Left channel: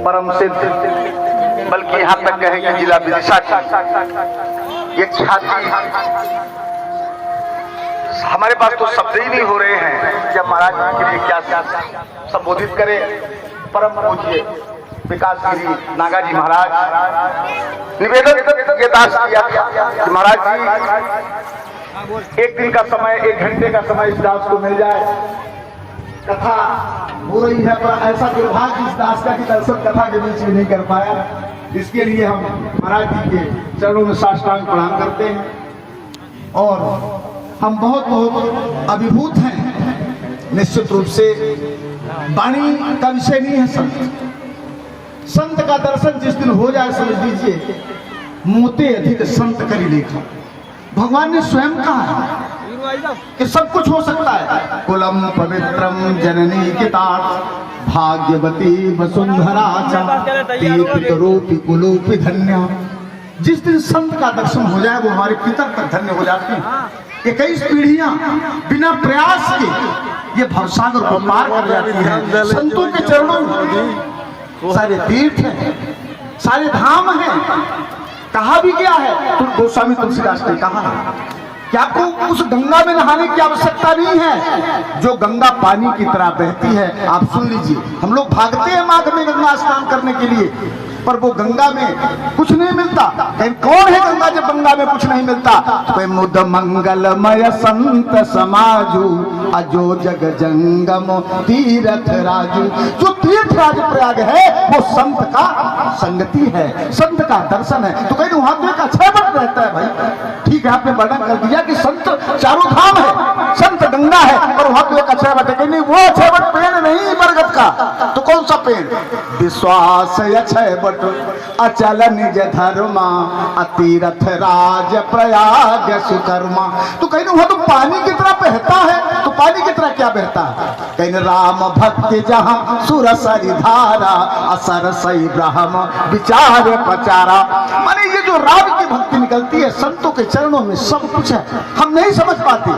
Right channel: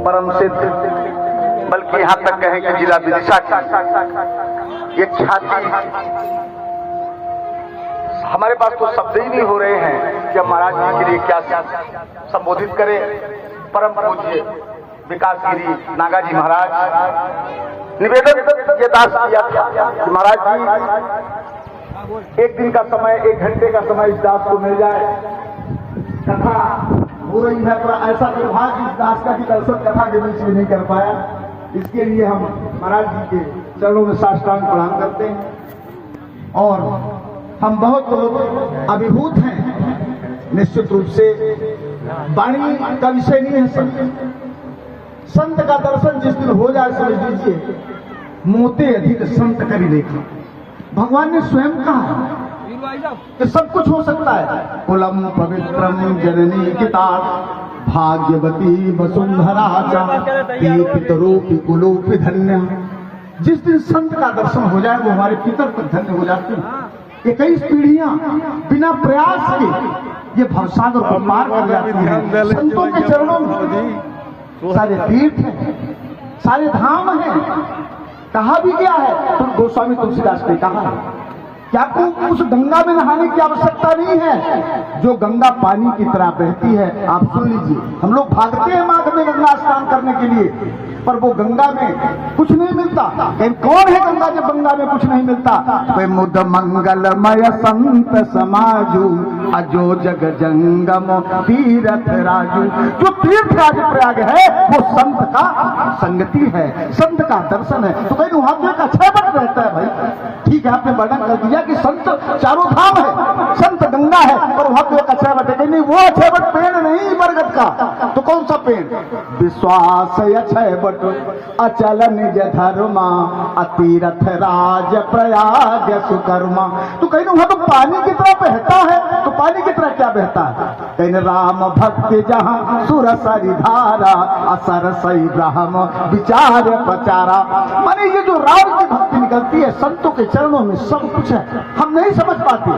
परम सिद्ध, बल्कि यहाँ तक कहें कि जिला विदिशा की ये छाती, हमारे पास तो शब्द ही नहीं हो रहे हैं जब महाराज जी के लिए क्या संबोधित करें। परम पूज्य विकास गिरी नागा जी महाराज निवेदन ये दास किया कि महाराज जी एक दिन का समय, 1 घंटे का समय इस दास को मिल जाए। कथा हो रही है पर ऐसा दुर्भाग्य इस दास का कि दर्शन कथा के बीच में नहीं कर पाया। इसके लिए हम महाराज जी के चरणों में साष्टांग प्रणाम करते हैं और हम बहुत बहुत अभिभूत हैं। निश्चित रूप से वाणी का विषय नहीं है संत का दर्शन जिस दिन हो जाए समझ लीजिए मोते अधिक संत करी लेखा। भगवान ने स्वयं कहा है कि सब कुछ हो सकता है। कुलम पवित्रम जननी कितार्थ भाग्यवती वसुंधरा चारूपी कुलूपी धन्य। जिस दिन संत का दर्शन हो जाए वो हमारे पितर तक धन्य हो जाते हैं। 21 पीढ़ियां बिना प्रयास के ये भवसागर को पार कर जाती है। संतों के चरणों में सारे तीर्थ हैं, सारे धाम हैं। कहा भी क्या है, तुम गोस्वामी तुलसीदास ने कहा कि आपको उस गंगा में नहाने की आवश्यकता नहीं है जो गंगा पानी की तरह बहती है। आप सुन लीजिए, हम लोग भागते हैं माघ में गंगा स्नान करने के लिए, पर वो गंगा में कुछ नहीं मिलता। कौन है गंगा जब गंगा में कुछ नहीं मिलता? तो मुद मंगलमय संत समाजू अजो जग जंगम तीर्थ राजू। जो तीर्थ राज प्रयाग है वो संत का संगति है, संत का दर्शन है। तो कहीं वहां तो एक अच्छा बट रहता है भाई। ठीक है, आपने वर्णन कर दिया कि संत चारों धाम है, संत गंगा है, और वहां तो एक अच्छा बट है। नहीं, वो अच्छा बट पेड़ नहीं बरगद का, तो कौन सा पेड़? विश्वास अक्षय बट अचल निज धर्मा अतीरथ राज प्रयाग सुकर्मा। तो कहीं वहां तो पानी की तरह बहता है। तो पानी की तरह क्या बहता है? कहीं राम भक्ति जहां सुरसरी धारा असर सही ब्रह्म विचार पचारा। माने ये जो राम की भक्ति निकलती है संतों के चरणों में सब कुछ है। हम नहीं समझ पाते,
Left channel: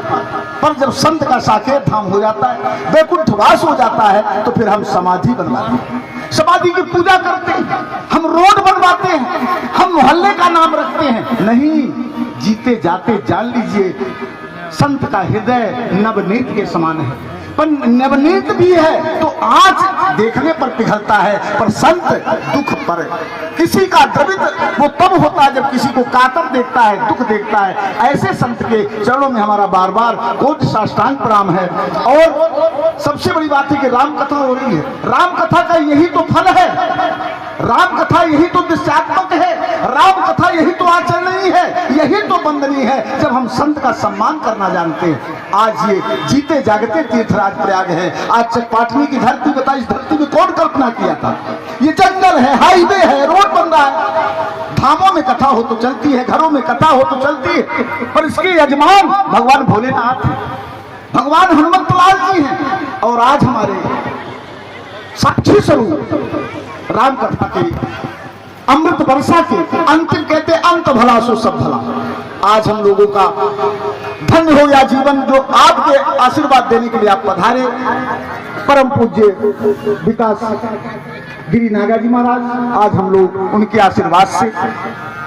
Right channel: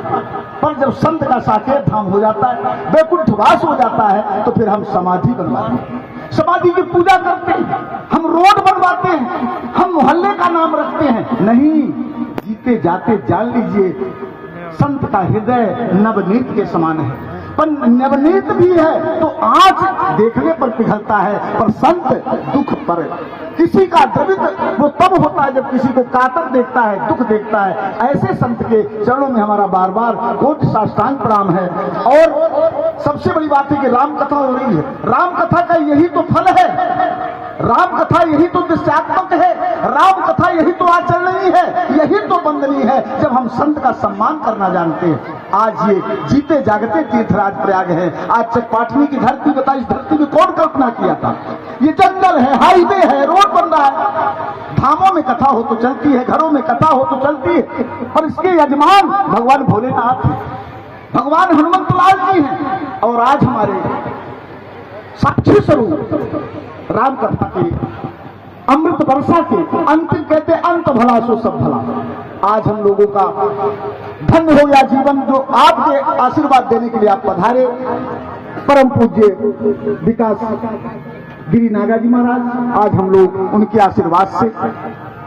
पर जब संत का साकेत धाम हो जाता है, वैकुंठ वास हो जाता है, तो फिर हम समाधि बनवाते हैं, समाधि की पूजा करते हैं, हम रोड बनवाते हैं, हम मोहल्ले का नाम रखते हैं। नहीं, जीते जाते जान लीजिए संत का हृदय नवनीत के समान है। पर नवनीत भी है तो आँच देखने पर पिघलता है, पर संत दुख पर किसी का द्रवित वो तब होता है जब किसी को कातर देखता है, दुख देखता है। ऐसे संत के चरणों में हमारा बार बार कोटि साष्टांग प्रणाम है। और सबसे बड़ी बात है कि राम कथा हो रही है। राम कथा का यही तो फल है, राम कथा यही तो दिशात्मक है, राम कथा यही तो आचरणीय है, यही तो वंदनीय है जब हम संत का सम्मान करना जानते हैं। आज ये जीते जागते तीर्थराज प्रयाग है। आज चकपाटनी की धरती बता, इस धरती में कौन कल्पना किया था? ये जंगल है, हाईवे है, रोड बन रहा है। धामों में कथा हो तो चलती है, घरों में कथा हो तो चलती है, पर इसके यजमान भगवान भोलेनाथ, भगवान हनुमंत लाल जी हैं। और आज हमारे साक्षी स्वरूप राम कथा के अमृत वर्षा के अंतिम कहते अंत भला सो सब भला। आज हम लोगों का धन्य हो गया जीवन जो आपके आशीर्वाद देने के लिए आप पधारे। परम पूज्य विकास गिरी नागा जी महाराज, आज हम लोग उनके आशीर्वाद से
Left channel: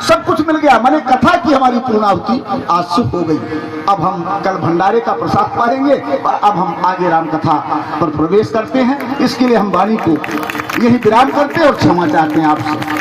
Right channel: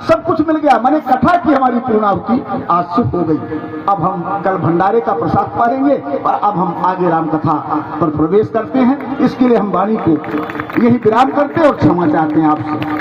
सब कुछ मिल गया। मैंने कथा की हमारी पूर्णाहुति आज से हो गई। अब हम कल भंडारे का प्रसाद पाएंगे और अब हम आगे राम कथा पर प्रवेश करते हैं। इसके लिए हम वाणी को यही विराम करते हैं और क्षमा चाहते हैं आपसे।